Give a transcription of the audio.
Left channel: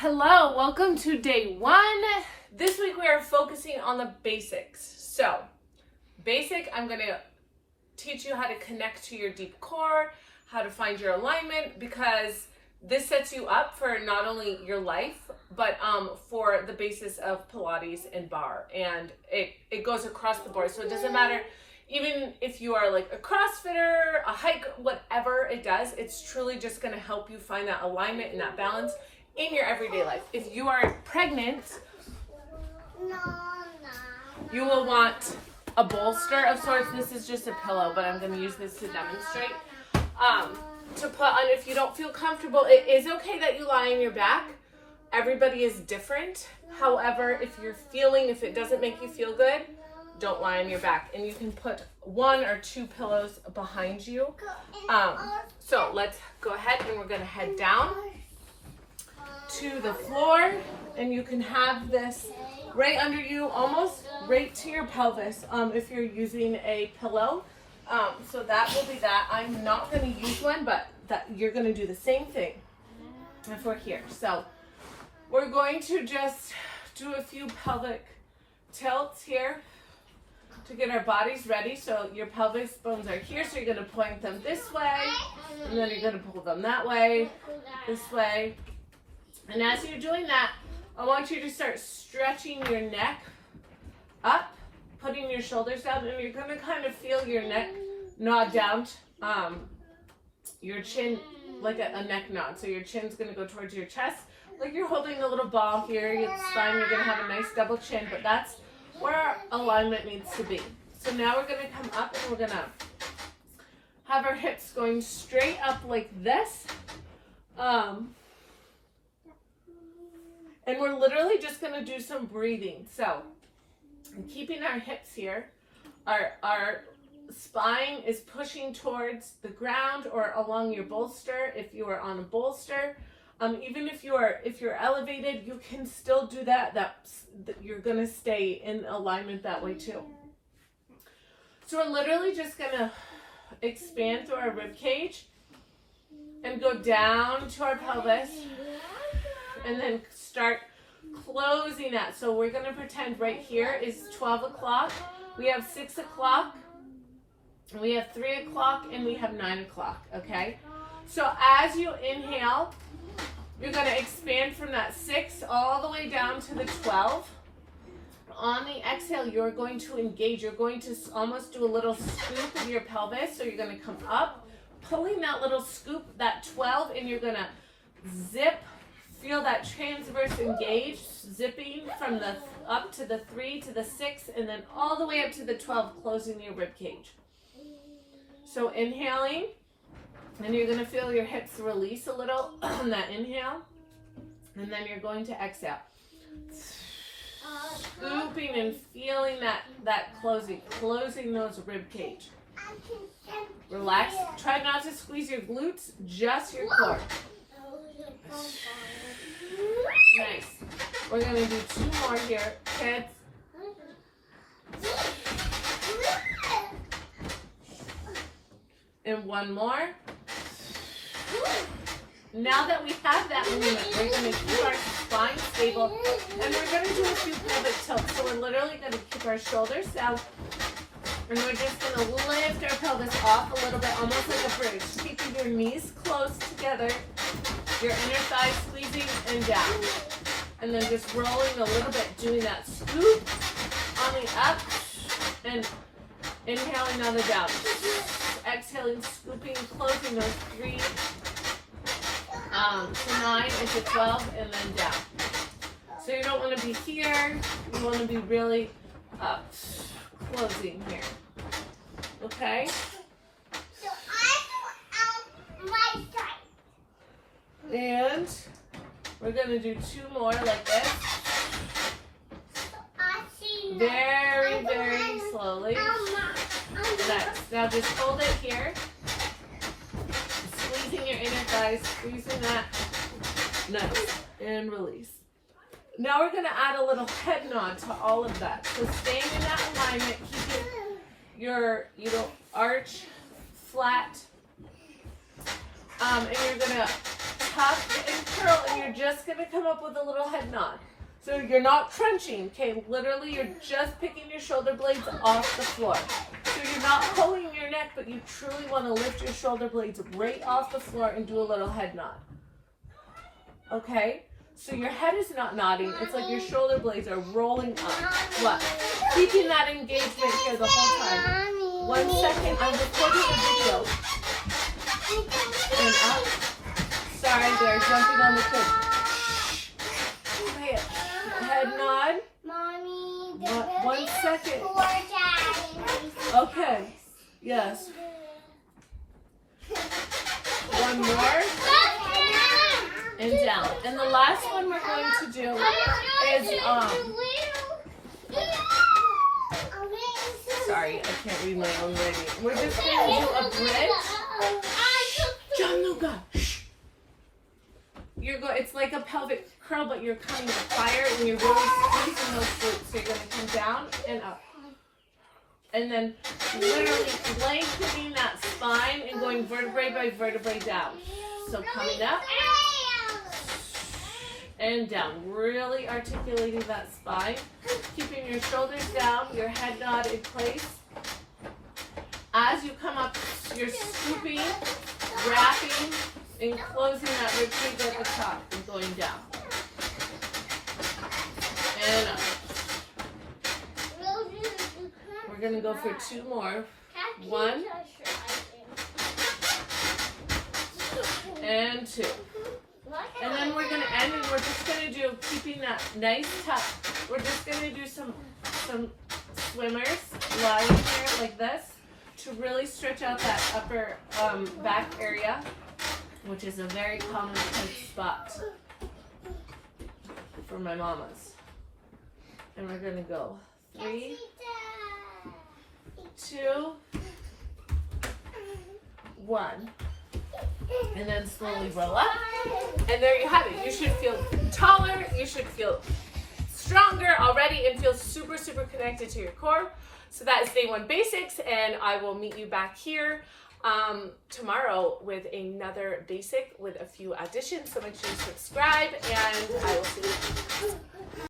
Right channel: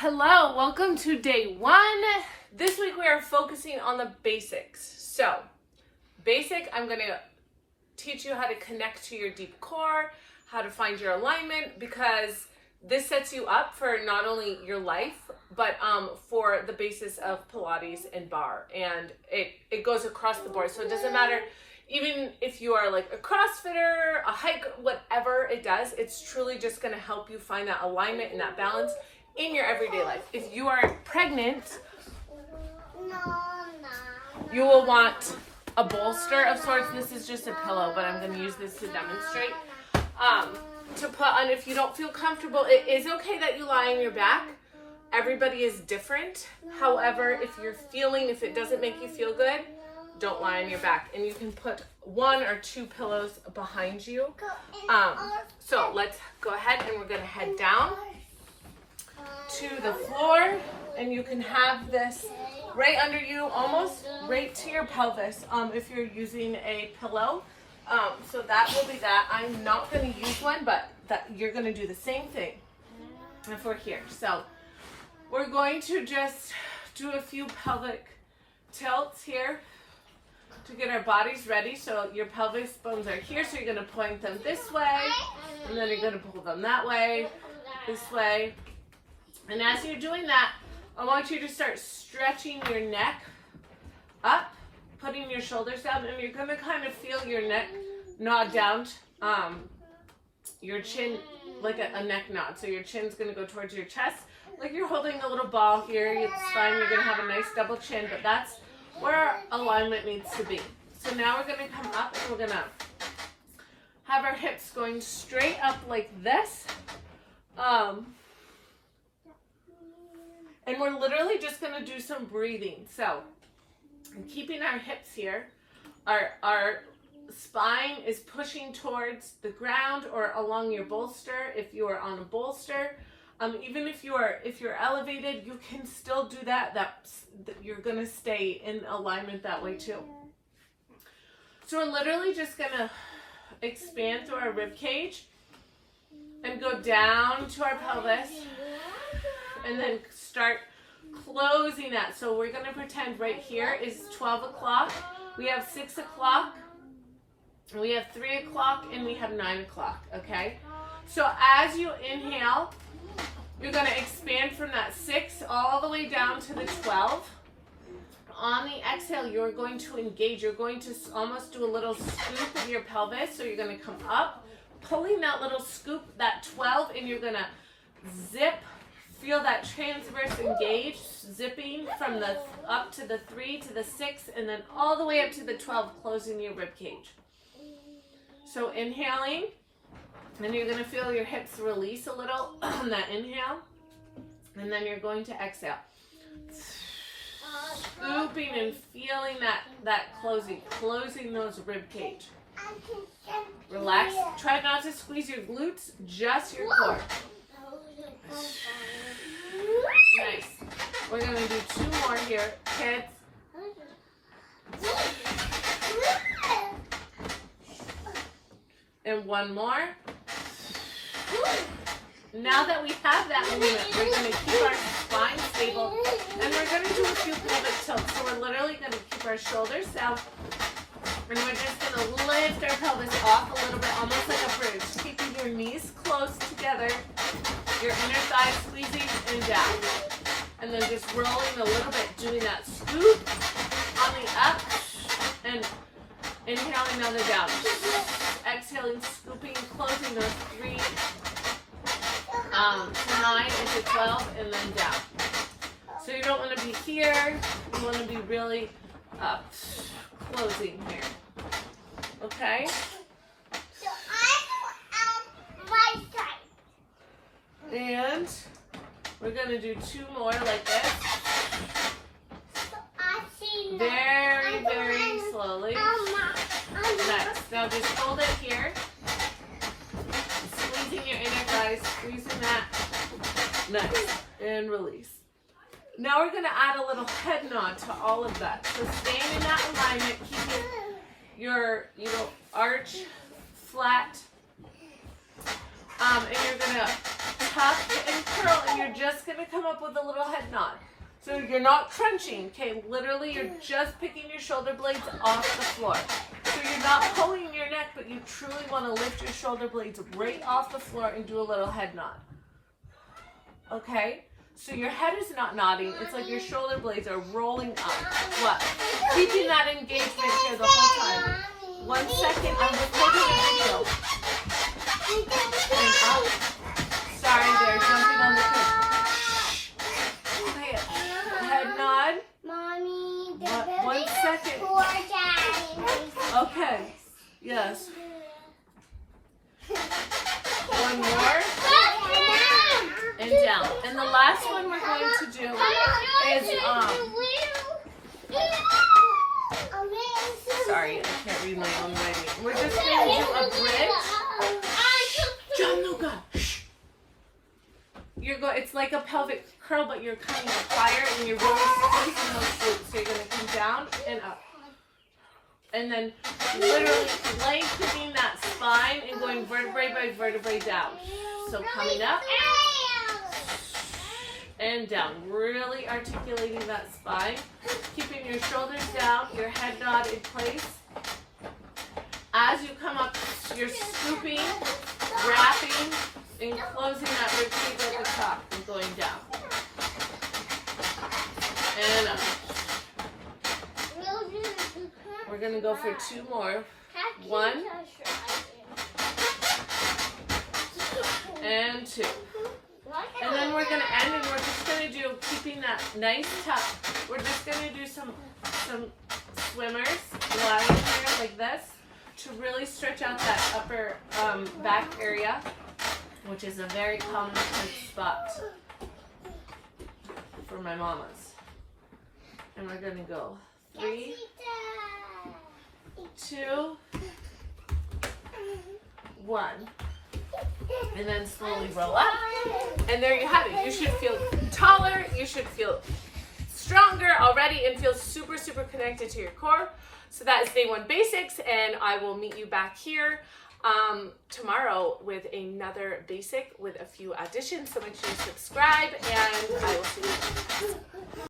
Hello, welcome to day 1. This week we are focusing on the basics. So, basic, I'm going to teach you how to connect to your deep core, how to find your alignment, because this sets you up for not only your life, but for the basis of Pilates and bar. And it goes across the board. So it doesn't matter, even if you are like a CrossFitter, a hiker, whatever it does, it's truly just going to help you find that alignment and that balance in your everyday life. If you are pregnant, you will want a bolster of sorts. This is just a pillow, but I'm going to use this to demonstrate. To put on if you don't feel comfortable. It is okay that you lie on your back. Everybody is different. However, if it doesn't make you feel good, don't lie on your back. And you can put 1 or 2 pillows behind you. So let's go ahead and we're going to head down to the floor, and you can have this right under you, almost right to your pelvis, if you're using a pillow. So that will be that. I'm not going to use one, but that you're going to do the same thing if we're here. So we're going to just do a few pelvic tilts here to get our bodies ready. So your pelvis bones are here, so you're going to point them this way, and then you're going to pull them that way, this way. And as you're doing that, I want you to start stretching your neck up, putting your shoulders down, and you're going to kind of feel your neck nod down, your chin, like a neck nod. So your chin's going to go towards your chest, like you're holding a little ball here. It's fine. You're going to have a nice double chin, but that's where our alignment needs to be. So now we're going to come up, and we're going to have our hips going straight up like this. And we're literally just going to do some breathing. So, keeping our hips here, our spine is pushing towards the ground or along your bolster. If you are on a bolster, even if you're elevated, you can still do that. You're going to stay in alignment that way too. So we're literally just going to expand through our rib cage and go down to our pelvis, and then start closing that. So we're going to pretend right here is 12 o'clock. We have 6 o'clock, we have 3 o'clock, and we have 9 o'clock, okay? So as you inhale, you're going to expand from that 6 all the way down to the 12. On the exhale, you're going to engage. You're going to almost do a little scoop of your pelvis. So you're going to come up, pulling that little scoop, that 12, and you're going to zip. Feel that transverse engage, zipping from the up to the 3 to the 6, and then all the way up to the 12, closing your rib cage. So inhaling, and you're going to feel your hips release a little on that inhale, and then you're going to exhale. Scooping and feeling that closing those rib cage. Relax. Try not to squeeze your glutes, just your core. Nice. We're going to do 2 more here, kids. And 1 more. Now that we have that movement, we're going to keep our spine stable, and we're going to do a few pelvic tilts. So we're literally going to keep our shoulders down, and we're just going to lift our pelvis off a little bit, almost like a bridge, keeping your knees close together, your inner thighs squeezing and down. And then just rolling a little bit, doing that scoop on the up, and inhaling another down. Exhaling, scooping, closing those 3 to 9 into 12, and then down. So you don't want to be here, you want to be really closing here. Okay? So I go out my side. And we're going to do 2 more like this. So I see Very, very slowly. Next. Now just hold it here. Squeezing your inner thighs, squeezing that. Nice. And release. Now we're going to add a little head nod to all of that. So staying in that alignment, keep your arch flat. And you're going to tuck and curl, and you're just gonna come up with a little head nod. So you're not crunching, okay? Literally, you're just picking your shoulder blades off the floor. So you're not pulling your neck, but you truly want to lift your shoulder blades right off the floor and do a little head nod. Okay? So your head is not nodding. It's like your shoulder blades are rolling up. What? Keeping that engagement here the whole time. 1 second, I'm recording a video. And up. Sorry, they're jumping on the kid. Quiet. Head nod. Mommy, 1 second. Okay. Yes. One more. And down. And the last one we're going to do is sorry, I can't read my own writing. We're just going to do a bridge. John Luca. It's like a pelvic curl, but you're coming up higher and you're really squeezing those glutes. So you're going to come down and up. And then literally lengthening that spine and going vertebrae by vertebrae down. So coming up and down. Really articulating that spine. Keeping your shoulders down, your head nod in place. As you come up, you're scooping, wrapping, and closing that rib cage at the top and going down. And up. We're going to go for 2 more. 1 and 2. And then we're going to end, and we're just going to do, keeping that nice tuck, we're just going to do some swimmers, lying here like this, to really stretch out that upper back area, which is a very common tense spot for my mamas. And we're going to go 3, 2, 1. And then slowly roll up. And there you have it. You should feel taller. You should feel stronger already and feel super, super connected to your core. So that is day 1 basics. And I will meet you back here tomorrow with another basic with a few additions. So make sure you subscribe, and I will see you.